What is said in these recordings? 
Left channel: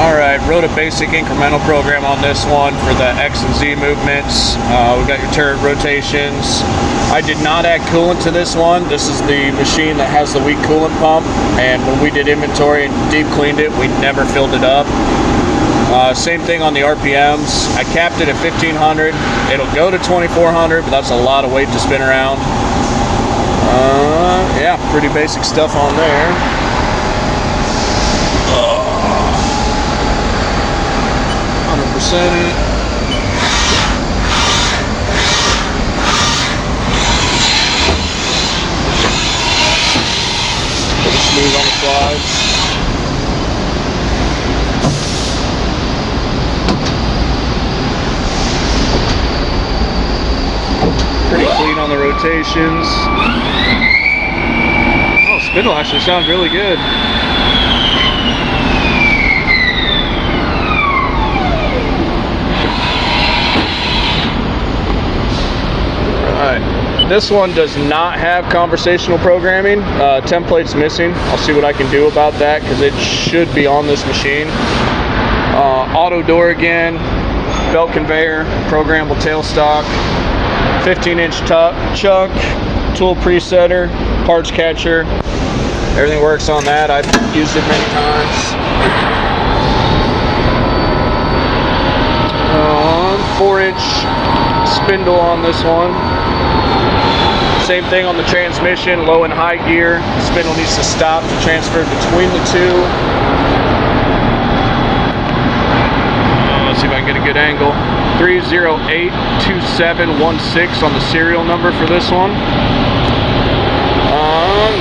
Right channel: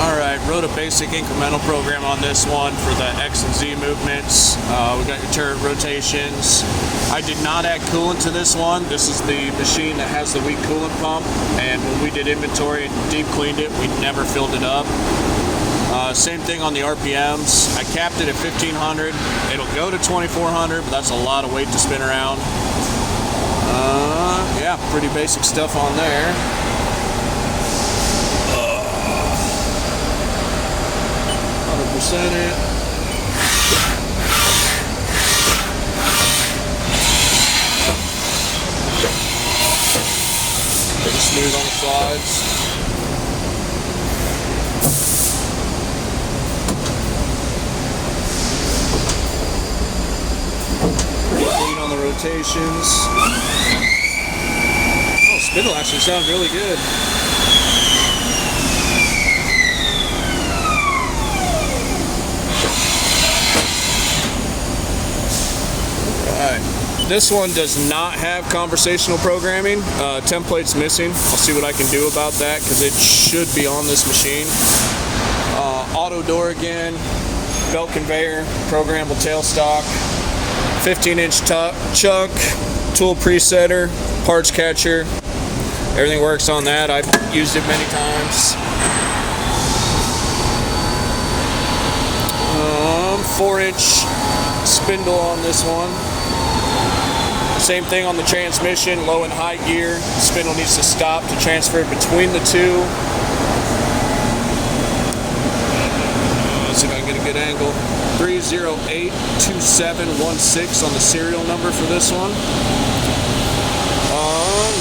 Alright, wrote a basic incremental program on this one for the X and Z movements. We got your turret rotations. I did not add coolant to this one. This is the machine that has the weak coolant pump, and when we did inventory and deep cleaned it, we never filled it up. Same thing on the RPMs. I capped it at 1500. It'll go to 2400, but that's a lot of weight to spin around. Yeah, pretty basic stuff on there. 100%. Smooth on the slides. Pretty clean on the rotations. Oh, spindle actually sounds really good. This one does not have conversational programming. Template's missing. I'll see what I can do about that because it should be on this machine. Auto door again, belt conveyor, programmable tailstock, 15-inch chuck, tool presetter, parts catcher. Everything works on that. I've used it many times. 4-inch spindle on this one. Same thing on the transmission, low and high gear. Spindle needs to stop to transfer between the two. Let's see if I can get a good angle. 3082716 on the serial number for this one.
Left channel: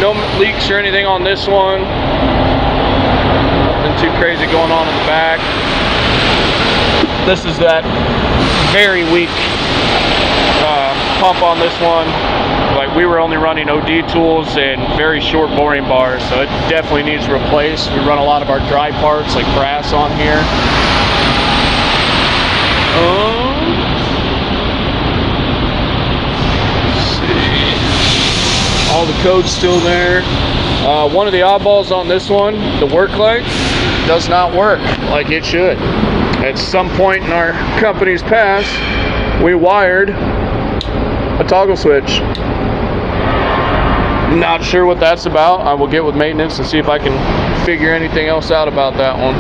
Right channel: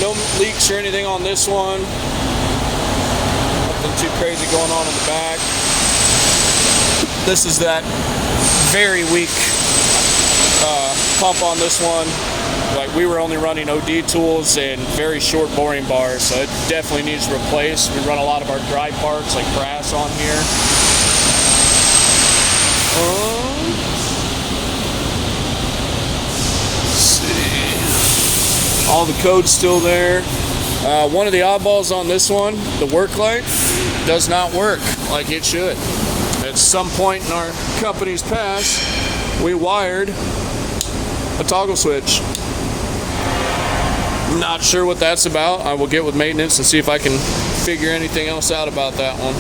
No leaks or anything on this one. Nothing too crazy going on in the back. This is that very weak pump on this one. Like, we were only running OD tools and very short boring bars, so it definitely needs replaced. We run a lot of our dry parts like brass on here. Let's see. All the code's still there. One of the oddballs on this one, the work light, does not work like it should. At some point in our company's past, we wired a toggle switch. Not sure what that's about. I will get with maintenance and see if I can figure anything else out about that one.